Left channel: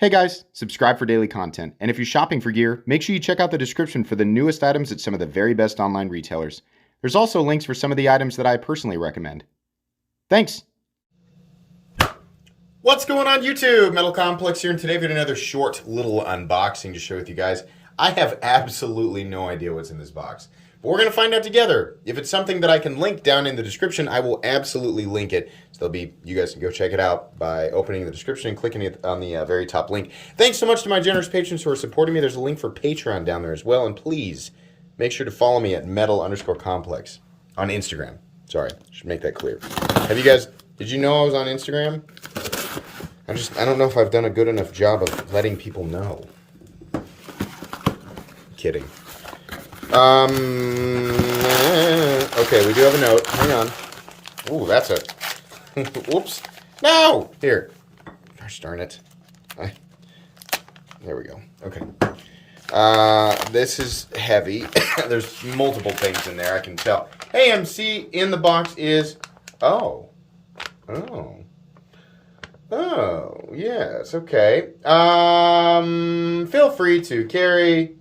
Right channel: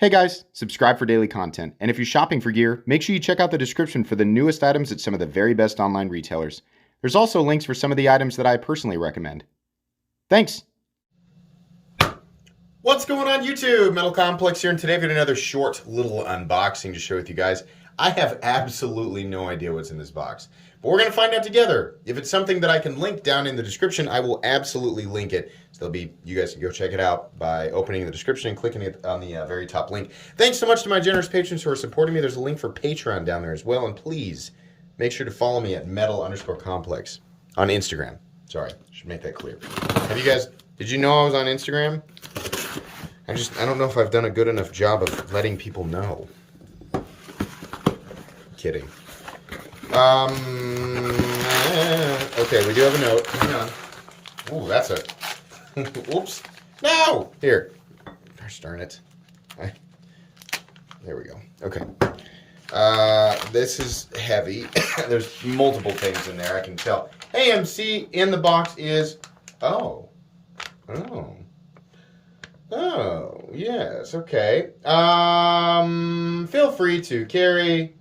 Hey guys, subscribe for daily content, and if you're shopping for gear, make sure you check out the description for the newest items at some of the very best online retailers. There's also links for some of the items that I personally recommend. Thanks! What's going on YouTube? Metal Complex here, and today I've got another short little unboxing to share with you guys. I have absolutely no idea what's in this box, but we're going to find out together. If it's something that I can link down in the description, I will absolutely link it. So you guys can go check it out by opening the description and clicking it on the very top link. Thanks so much to my generous patrons who are supporting me. There's a link for Patreon down there as well, and please make sure to follow me at metal_complex on Instagram. Sorry, should make that clear. Did you know I was on Instagram? I don't know if I've done a good enough job of letting people know. Kidding. Okay, we do have a note. Hang on. Ooh, that's a... Whoops. No! Here. Gosh darn it. There we go. Okay. This is heavy. There's multiple things in there, I can tell. Hey, MC, in the box is... Oh, yes, okay. Feel free to carry,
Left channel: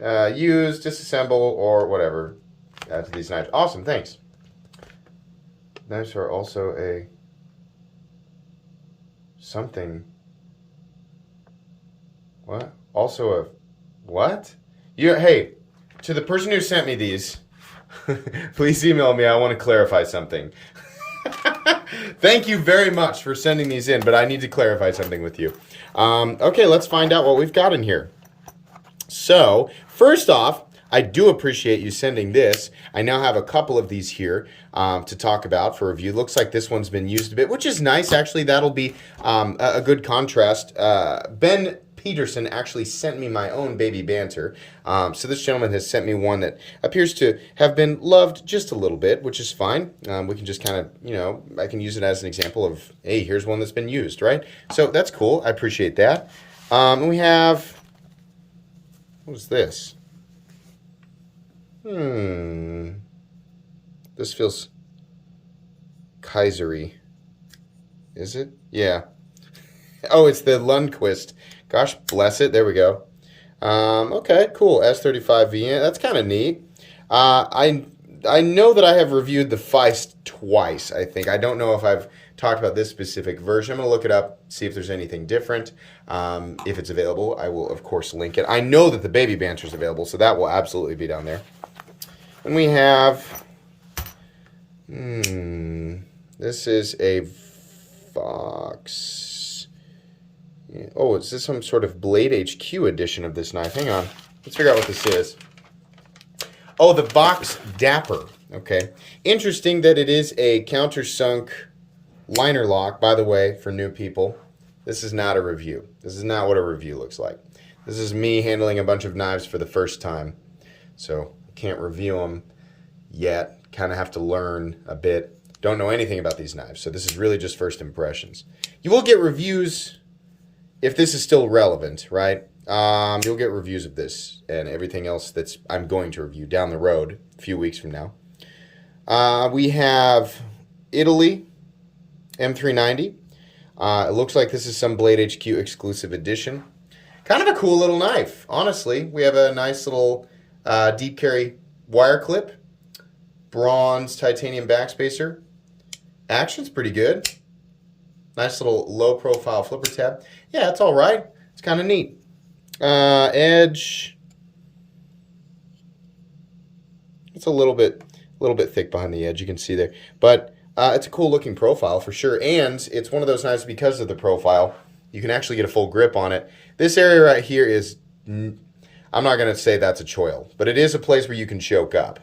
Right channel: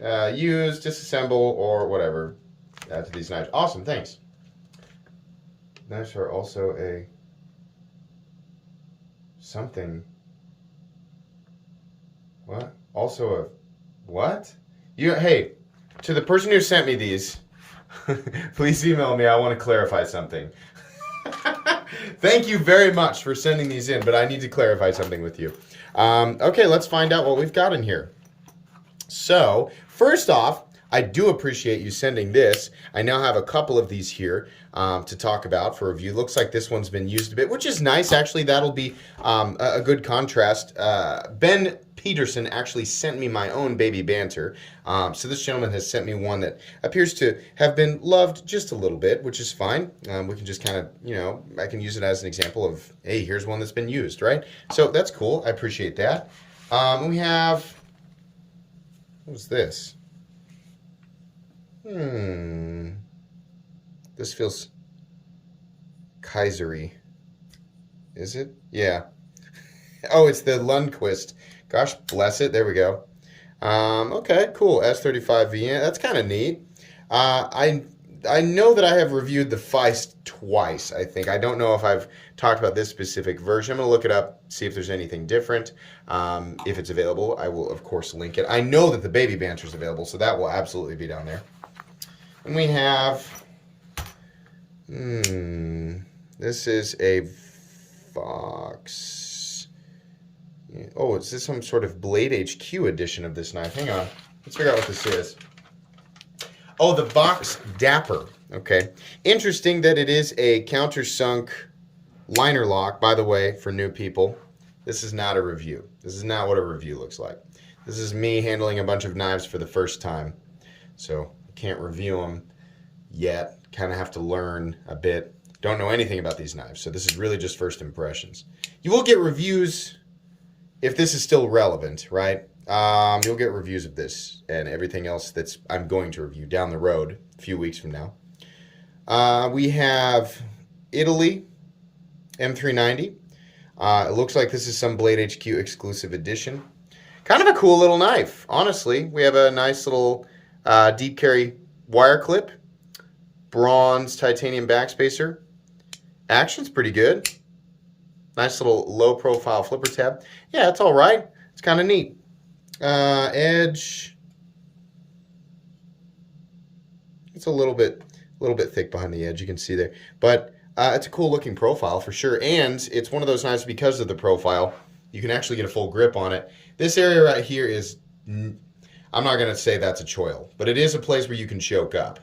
use, disassemble, or whatever to these knives. Awesome, thanks. Knives are also a something. What? Also a what? Hey, to the person who sent me these, please email me. I want to clarify something. Thank you very much for sending these in, but I need to clarify something with you. Okay, let's find out what we've got in here. So, first off, I do appreciate you sending this. I now have a couple of these here to talk about for review. Looks like this one's been used a bit, which is nice. Actually, that'll be a good contrast. Ben Peterson actually sent me my own baby banter. So this gentleman has sent me one that appears to have been loved just a little bit, which is fine. We can just kind of, I can use it as an example of, hey, here's one that's been used, right? So that's cool. I appreciate that. And we have, what is this? This feels Kaisery. Is it? Yeah. Oh, it's the Lundquist. Gosh bless it. There we go. Okay, cool. S35V. That's kind of neat. I know that I have reviewed the Feist twice, I think. I don't know if I've talked about this specific version. I'm going to look it up, see if there's anything different. If it's available, I will, of course, link it. I know that the Baby Banter is available, so that will absolutely be down there. And we have... this is a Vox... Oh, is this some sort of Blade HQ edition of this knife? Hang on. Let's figure out what this is. Oh, the Vox Dapper. Okay. Interesting that it is a Countersunk liner lock. By the way, for new people, this is not a review. This is not what a review looks like. This is me handling a bunch of knives for the first time. So I can't review them yet. Kind of have to learn a bit. Don't know anything about these knives. So this is really just first impressions. You will get reviews... if this is still relevant, right? You'll get reviews of this and everything else that's I'm going to review down the road a few weeks from now. We have Italy M390. It looks like this is some Blade HQ exclusive edition. Kind of a cool little knife, honestly. We have a nice little deep carry wire clip. Bronze titanium backspacer. Action's pretty good. Nice little low profile flipper tab. Yeah, it's all right. It's kind of neat. Edge. It's a little bit thick behind the edge. You can see there, but it's a cool looking profile for sure. And it's one of those knives because of the profile. You can actually get a full grip on it. This area right here is, I'm not going to say that's a choil, but it is a place where you can choke up.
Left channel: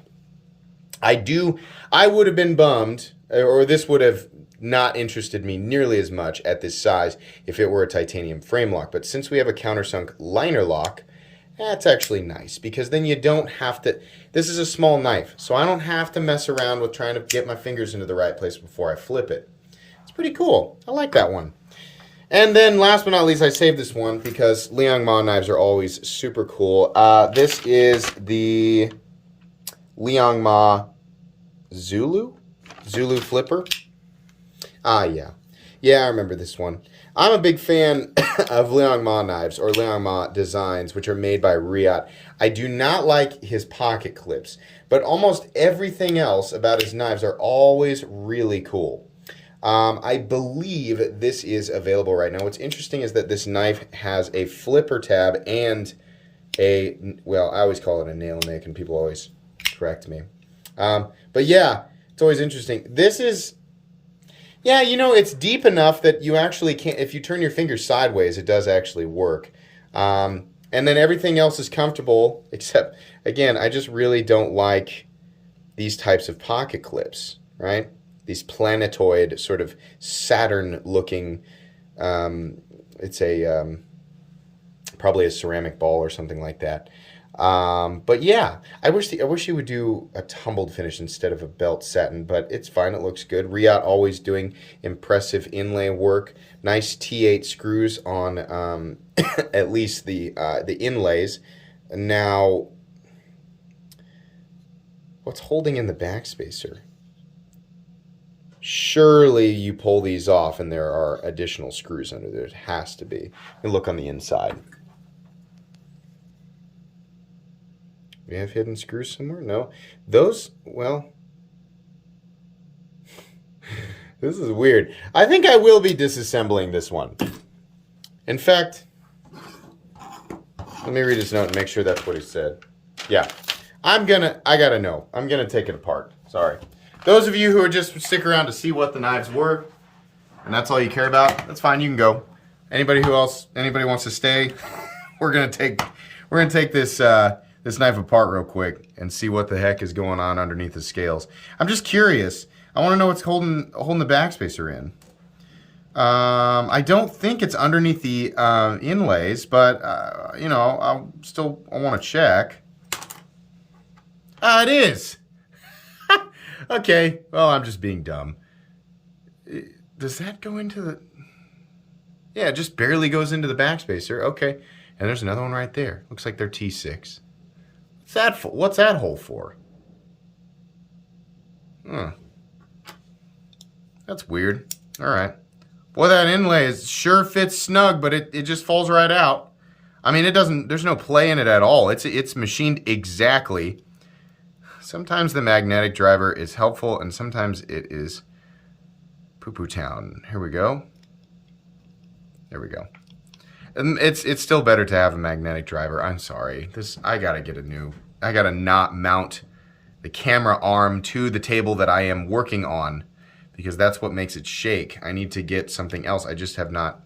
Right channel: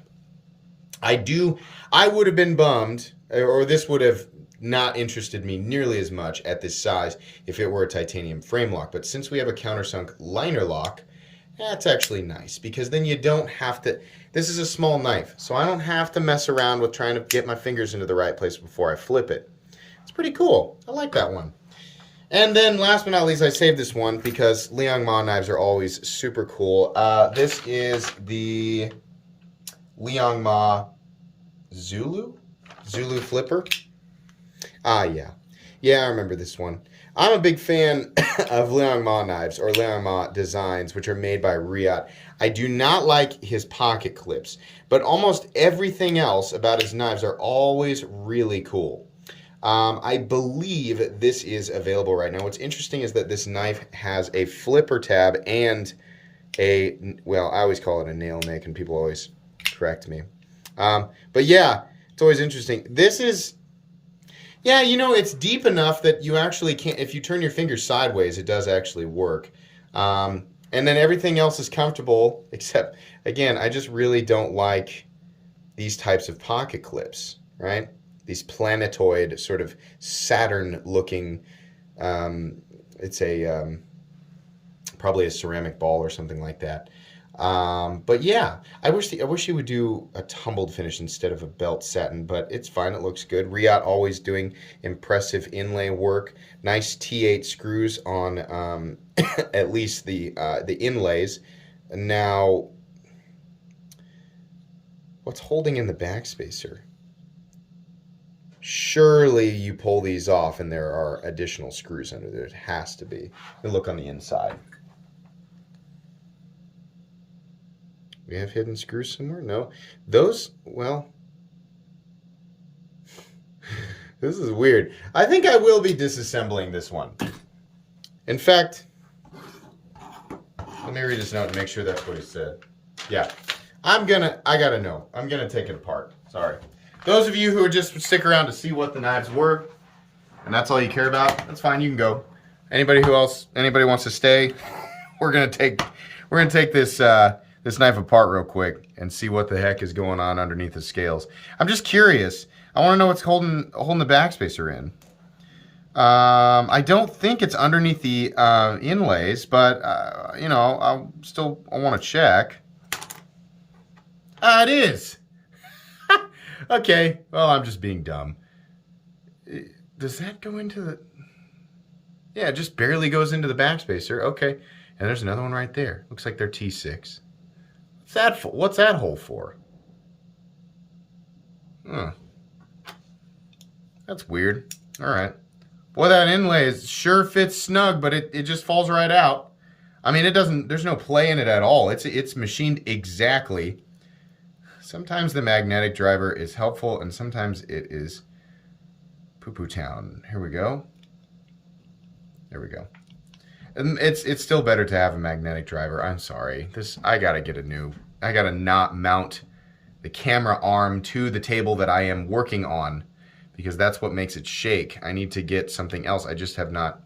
I would have been bummed, or this would have not interested me nearly as much at this size if it were a titanium frame lock. But since we have a Countersunk liner lock, that's actually nice because then you don't have to, this is a small knife, so I don't have to mess around with trying to get my fingers into the right place before I flip it. It's pretty cool. I like that one. And then last but not least, I saved this one because Liangma knives are always super cool. This is the Liangma Zulu flipper. Yeah. Yeah, I remember this one. I'm a big fan of Liang Ma knives or Liang Ma designs, which are made by Riyadh. I do not like his pocket clips, but almost everything else about his knives are always really cool. I believe this is available right now. What's interesting is that this knife has a flipper tab and well, I always call it a nail nick, and people always correct me. But yeah, it's always interesting. This is, yeah, you know, it's deep enough that you actually can't, if you turn your finger sideways, it does actually work. And then everything else is comfortable, except, again, I just really don't like these types of pocket clips, right? These planetoid, sort of Saturn-looking, it's a, probably a ceramic ball or something like that. But yeah, I wish he would do a tumbled finish instead of a belt satin, but it's fine. It looks good. Riyadh always doing impressive inlay work. Nice T8 screws on at least the inlays. Now, what's holding in the backspacer? Surely you pull these off and there are additional screws under there. It has to be. And look on the inside. We have hidden screws somewhere? No. Those, well, this is weird. I think I will be disassembling this one. In fact, let me read his note and make sure that's what he said. Yeah. I gotta know. I'm gonna take it apart. Sorry. Those of you who would just stick around to see what the knives were, and that's all you care about, that's fine, you can go. Anybody wants to stay, we're gonna take this this knife apart real quick and see what the heck is going on underneath the scales. I'm just curious. I want to know what's holding the backspacer in. I don't think it's underneath the inlays, but you know, I want to check. It is. Okay, well, I'm just being dumb. Does that go into the... Yeah, it just barely goes into the backspacer. Okay, and there's another one right there. Looks like they're T6. What's that for? What's that hole for? Huh. That's weird. All right. Boy, that inlay sure fits snug, but it just falls right out. I mean, it doesn't... There's no play in it at all. It's machined exactly. Sometimes the magnetic driver is helpful, and sometimes it is poo-poo town. Here we go. There we go. And it's still better to have a magnetic driver. I'm sorry. I gotta not mount the camera arm to the table that I am working on, because that's what makes it shake. I need to get something else. I just have not.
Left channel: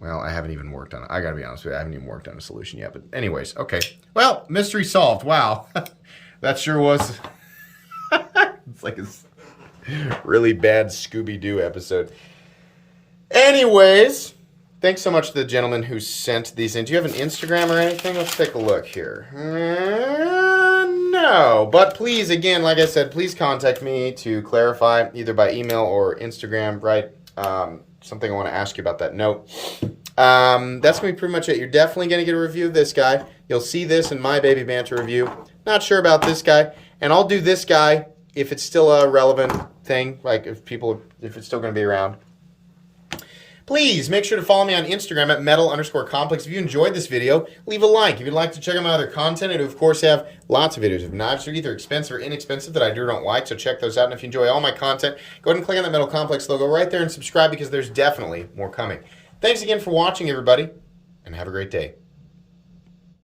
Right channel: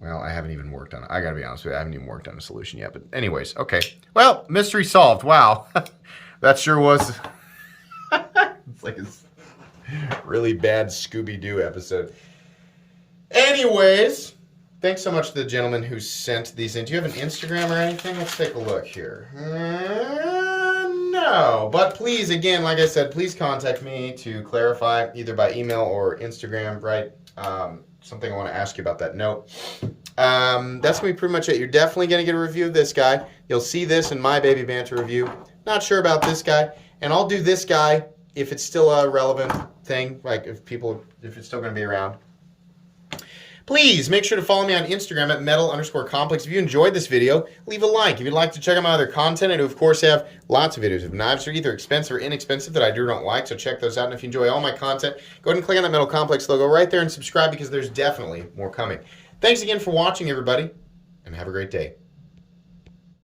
Well, I haven't even worked on it. I gotta be honest with you, I haven't even worked on a solution yet. But anyways, okay. Well, mystery solved. Wow. That sure was. It's like a really bad Scooby-Doo episode. Anyways, thanks so much to the gentleman who sent these in. Do you have an Instagram or anything? Let's take a look here. No. But please, again, like I said, please contact me to clarify either by email or Instagram, right? Something I want to ask you about that note. That's going to be pretty much it. You're definitely going to get a review of this guy. You'll see this in my Baby Banter review. Not sure about this guy. And I'll do this guy if it's still a relevant thing, like if it's still going to be around. Please make sure to follow me on Instagram at metal_complex. If you enjoyed this video, leave a like. If you'd like to check out my other content, I do, of course, have lots of videos of knives that are either expensive or inexpensive that I do or don't like, so check those out. And if you enjoy all my content, go ahead and click on that Metal Complex logo right there and subscribe, because there's definitely more coming. Thanks again for watching, everybody, and have a great day.